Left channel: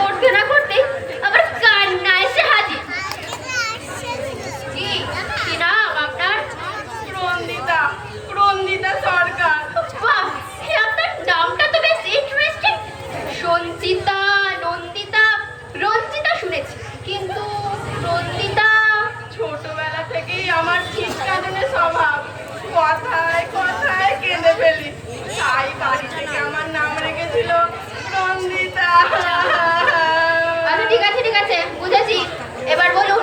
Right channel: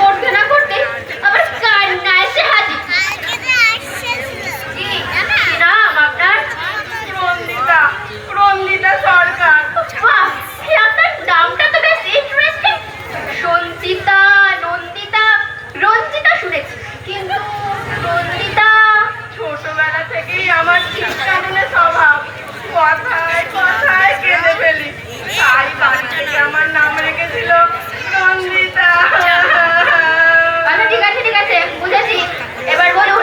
করতে না করতে আবার কান্না এসে হাজির। কি নাম আপনার? রঞ্জিতা, রঞ্জিতা সরকার। বাহ, আপনার নামটা তো বেশ ইন্টারেস্টিং। সঞ্চিতা, নন্দিতা, রঞ্জিতা শুনেছি, কিন্তু রঞ্জিতা। ছোটবেলা থেকেই আমার চিৎকারের স্বভাব, কথায় কথায় কেঁদে ফেলি, তাই বাড়ি থেকে আমার নাম রেখেছিল রঞ্জিতা। আচ্ছা ঠিক আছে ঠিক আছে, বুঝেছি। এবার বলুন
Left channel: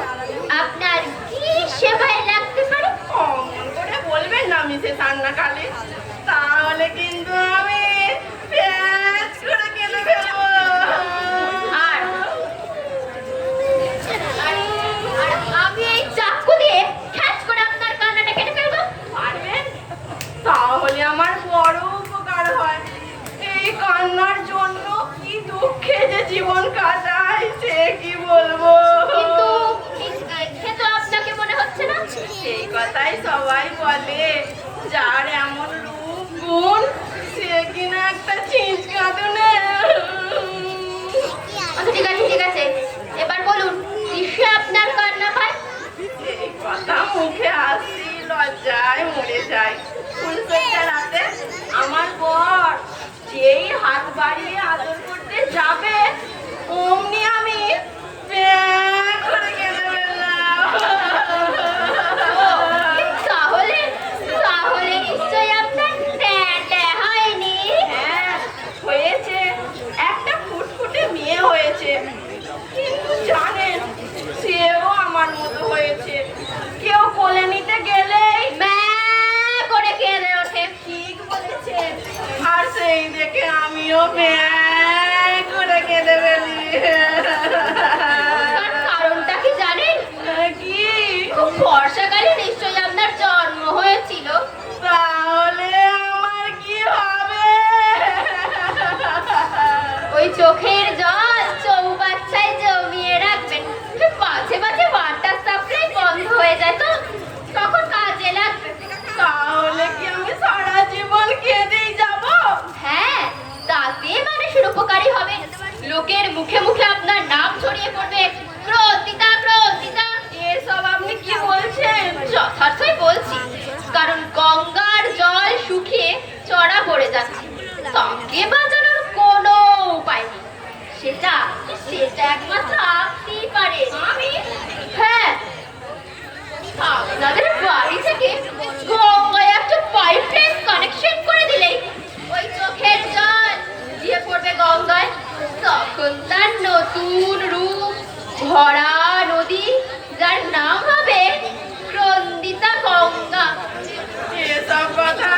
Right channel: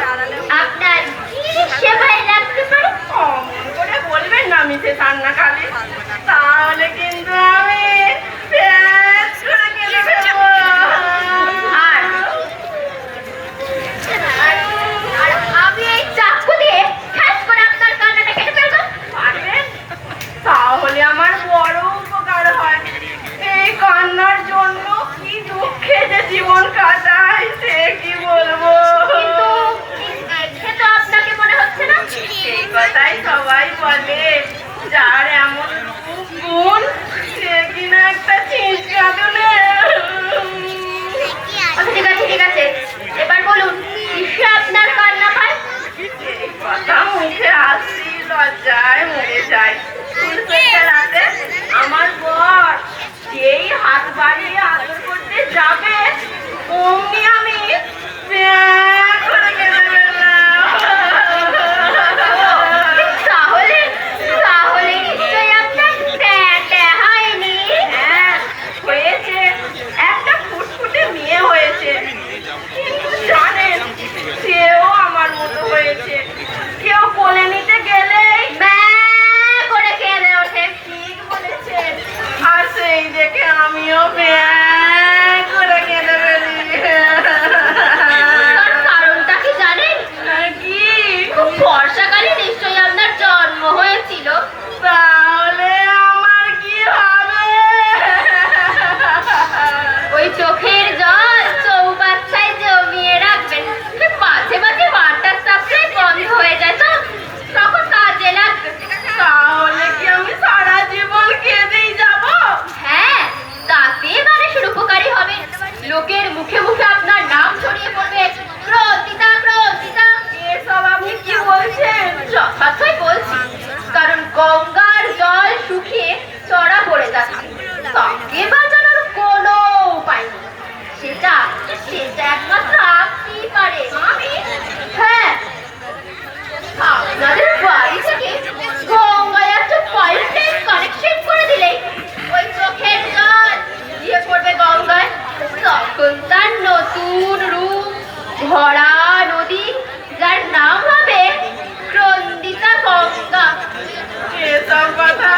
আপনার কি সেবায় লাগতে পারে? অমন করে বলবেন না মিসেস আন্নাখালি, তাহলে কিন্তু আমি প্যাচ করে কেঁদে ফেলবো। আর আমি এই চাকু দিয়ে খ্যাচ করে আপনার কান্নাটা কেটে ফেলবো। পারবেন? তাহলে আমার বড় উপকার হয়। এই কান্নার জন্য কি দুঃখে যে জীবন কাটাই সে কি বলবো। কিন্তু দেখে তো আপনাকে মনে হচ্ছে না। এই কথাই সবাই বলে, যার এমন রূপ গুণ সে কিনা একটা ছিঁচকা দুনে। আচ্ছা ঠিক আছে ঠিক আছে, এবার বলুন কিসে আপনার কান্না পায়? এই কথা মুখে আসি লজ্জায় মরে যায়। ফুলসজ্জা রাতে আমার বর যেই হাত বাড়িয়ে আদর করতে যাবে, অমনি আমি প্যাঁ করে কেঁদে ফেললাম। তাহলে তাহলে নিশ্চয়ই আপনার ট্যাঁ হয়নি। হ্যাঁ হয়েছে, একটা ফুটফুটে মেয়ে হয়েছে, কিন্তু জানেন সেও আমার মতো হয়েছে। কেউ কোলে নিতে গেলেই ম্যাঁ করে কেঁদে ওঠে। ঠিক বলেছেন, আর সেই দেখে আমিও প্যাঁ করে কেঁদে ফেলি। তার কারণটা কি জানেন? কি? খুব বর্ষাকালে নিশ্চয়ই আপনার জন্ম হয়েছিল। তাহলে আমার কি হবে? ওই চোখের জল চৌবাচ্চায় জমিয়ে রাখবেন, মাঝে মাঝে ওয়াটার সাপ্লাই বন্ধ হয়ে যায় তো তখন কাজে লাগবে। তাহলে কি আমি সারা জীবন কেঁদেই যাব? হ্যাঁ, তাতে মানুষের উপকারী হবে। লোকের মুখে মুখে আপনার নাম ছড়িয়ে পড়বে, প্রতিতা প্রতিতা। এসব আপনি কি বলছেন? যথার্থই বলছি, কারণ গঙ্গার জল শুকিয়ে চড়া পড়ে যাচ্ছে, তাকে বাঁচানোর কোনো উপায় নেই। সেটা সেটা একমাত্র আপনিই পারেন। আমি? হ্যাঁ, আপনাদের বাড়ি থেকে গঙ্গায় একটা পাইপের কানেকশন করে দিলেই ওই চোখের জল গিয়ে পড়বে গঙ্গায়। তখন তার নতুন রূপ ভরা নদী, যার নাম হবে রঞ্জিতা গঙ্গা। এসব কথা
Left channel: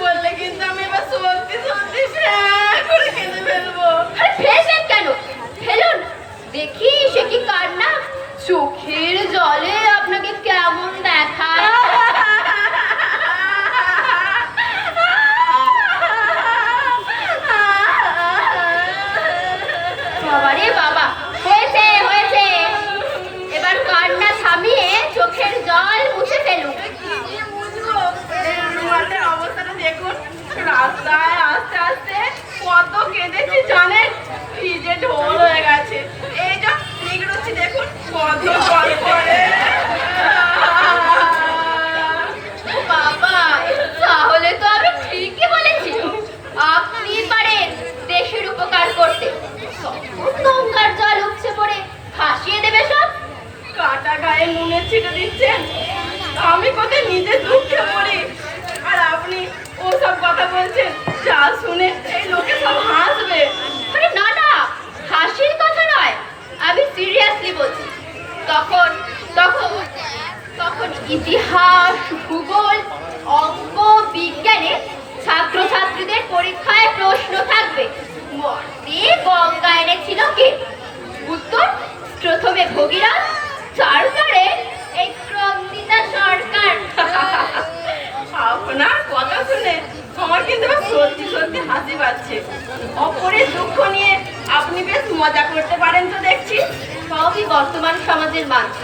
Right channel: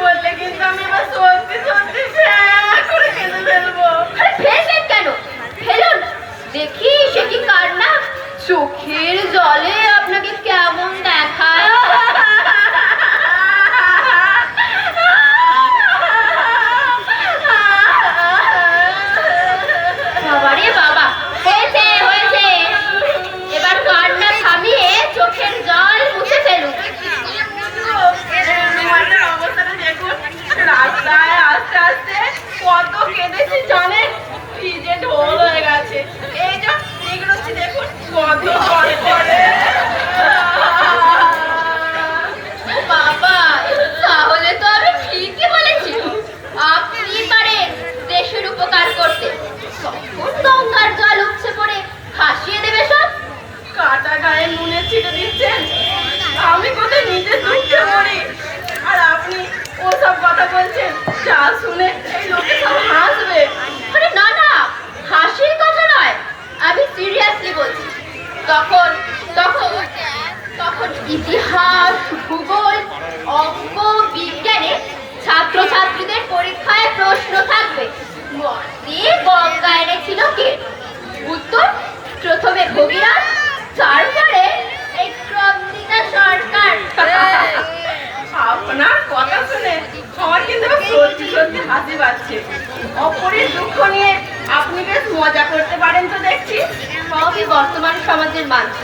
বললে কিন্তু আমি এবার সত্যি সত্যি প্যাঁ করে কেঁদে ফেলবো। আরে ফেলবেন কেন? ফেলুন, দেখি সে কি কান্না। চোখের জলে আপনাকে কেমন দেখায়। বাবারে বাবা, হয়েছে হয়েছে, এবার কান্না থামিয়ে চোখের জল মুছে ফেলুন। তোমাদের অবস্থাটা দেখুন, রাস্তায় আস্তে আস্তে কত কেঁদেছি জানেন, ভিজে ঢোল হয়ে গেছে। এই যে এগুলোছি দেখুন কত জল পড়ে। বাবা, তাহলে তো আমি ঠিকই বলেছি, আপনি পারেন দেশের উপকার করতে। গঙ্গার জল উপচে পড়ে ভাসিয়ে দেবে সব। কাটা গায়ে নুনের ছিটে দিচ্ছেন, আমি কোথায় নিজে দুঃখে মরি, আর আপনি ওসব কথা বলছেন যা শুনে এই লোকে সব হাসবে। আরে না না, হাসির কথা নয়, আমি সিরিয়াসলি বলছি। তখন তখন তখন ইতিহাস, ভূগোল, অঙ্ক, বিজ্ঞানে ছাত্রছাত্রীদের পরীক্ষায় প্রশ্ন থাকবে, মর্তে গঙ্গা এনেছিল কে? উত্তর প্রথমে ভগীরথ, তারপরে এই রঞ্জিতা সরকার। আপনার কথা শুনে আমার কিন্তু এবার সত্যি সত্যি হাসি পাচ্ছে। অপরের দুঃখ নিয়ে আপনি বেশ মজা করতে পারেন তো দেখছি। সবই বর্তমান সমাজের মানুষ।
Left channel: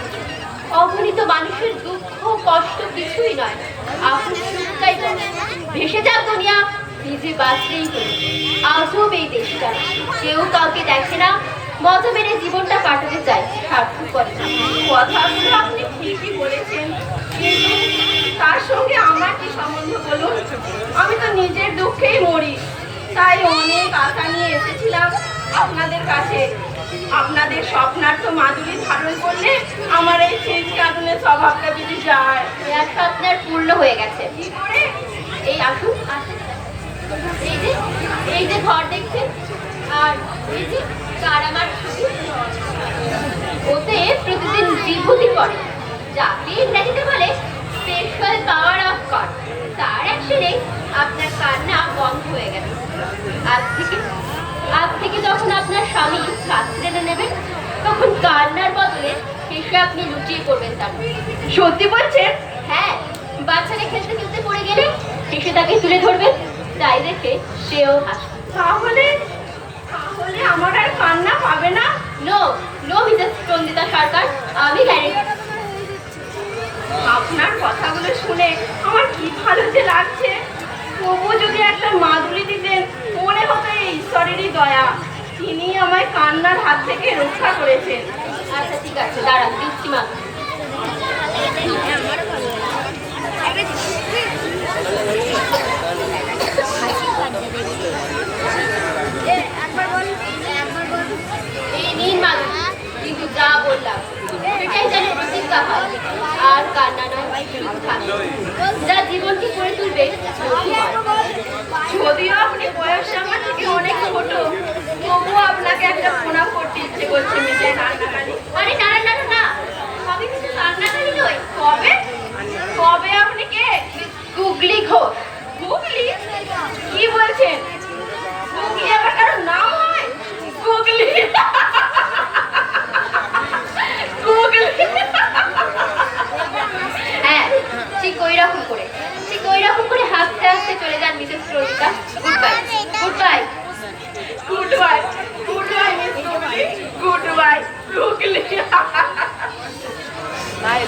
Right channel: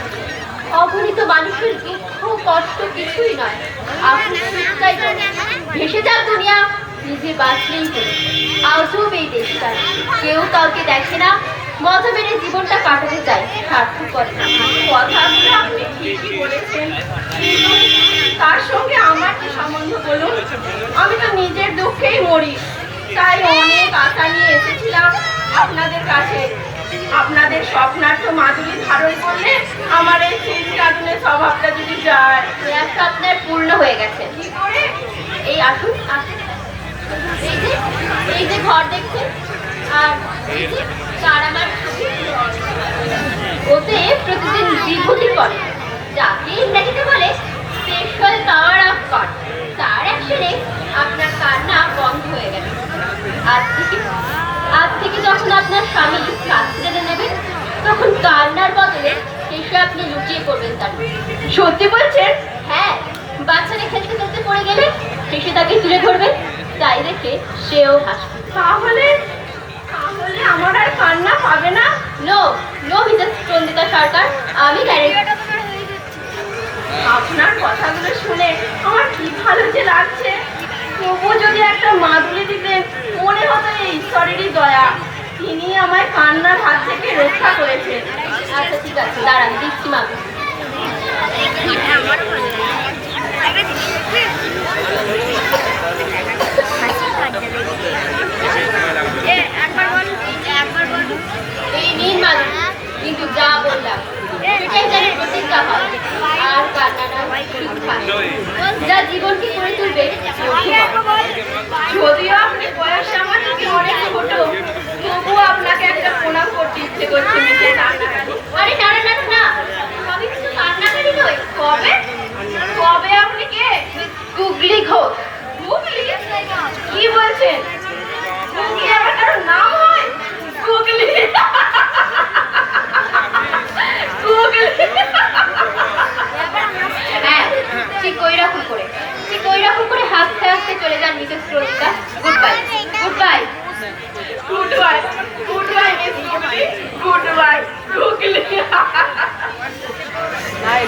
অগণিত মানুষের দুঃখ কষ্ট কিছুই নয়, আপনি শুধুই বলেন, ভেসে যাক দুনিয়া নিজে বাঁচলেই হলো। আজব এই দেশটা, কেউ কাউকে দেখে না, মজা মেরে জীবনটা কাটাতে চায়, স্বার্থ করে না। কথাগুলো আপনি ঠিকই বলেছেন, কিন্তু তার সঙ্গে আমার কি সম্বন্ধ বলুন? আমি তো নিজের দুঃখেই মরি, তাই অনেক আশা নিয়ে এসেছিলাম আপনাদের কাছে। আপনাদের স্বপ্নার্থ মাধুরী ধারণ করলে আমার এই চিন্তাগুলো স্বভাবটা যদি যায়। একটা আপনার পূর্ণ হয়ে গেছে। কি করে? এই আসুন আসুন। এই যে এই যে ঘর দেখছেন, আর এই যে তার আমার ছবি। ওতে প্রতিদিন বিভূতি পড়ে, যাকে ইংরেজিতে বলে স্পেশাল পাওয়ার অফ গড। তার অ্যাকশনে আপনার কান্না বন্ধ হয়ে গেল। আজ থেকে যখন আপনার স্বামী কাজ ছেড়ে নেবেন, তখন কান্নার বদলে শেষে আপনি লুটিয়ে পড়বেন তার। সত্যি বলছেন? হ্যাঁ, বাচ্চারা খেলতে খেলতে পড়ে গেলে শেষে তাকে তুলে ধরবেন, তাই দেখে সেও হাসবে। তাহলে তাহলে আমার আর কান্না পাবে না? নো নো মিসেস চন্দিতা সরকার, আমি গ্যারেন্টি। আপনার কথাগুলো শুনে আমার কি ভালো যে লাগছে। তবু যদি একটা মাদুলি দিতেন, মনে হতো এই ঈশ্বরেরই দয়া, তিনি আমায় কান্নার হাত থেকে রক্ষা করেছেন। আচ্ছা ঠিক আছে, দাঁড়ান দিচ্ছি মা। এই নিন মাদুরি, কিন্তু যা বললাম সেটাই যেন প্রতিজ্ঞা হয়। আর কান্না নয়, শিক্ষা। যা জীবনকে করে তুলবে সুখী হয়। যদিও আপনি বয়সে আমার থেকে অনেক ছোট, তবুও আপনাকে একটা প্রণাম করতে ইচ্ছে করছে মিসেস কান্নাকারী। আরে না না না না, আমি কিন্তু কান্নাকারী নই। কবে কবে আপনি কে? গুগলি ঘোষ। গুগলি? কি বলছেন? গুগলি আবার কারো নাম হয়? গুগলি গুগলি। হ্যাঁ, ঠিক ওইরকম করে হাসতে হাসতে চলে যান Mrs Rosita. Good bye, good bye. Good bye, good bye miss Googly, good bye Googly. তাই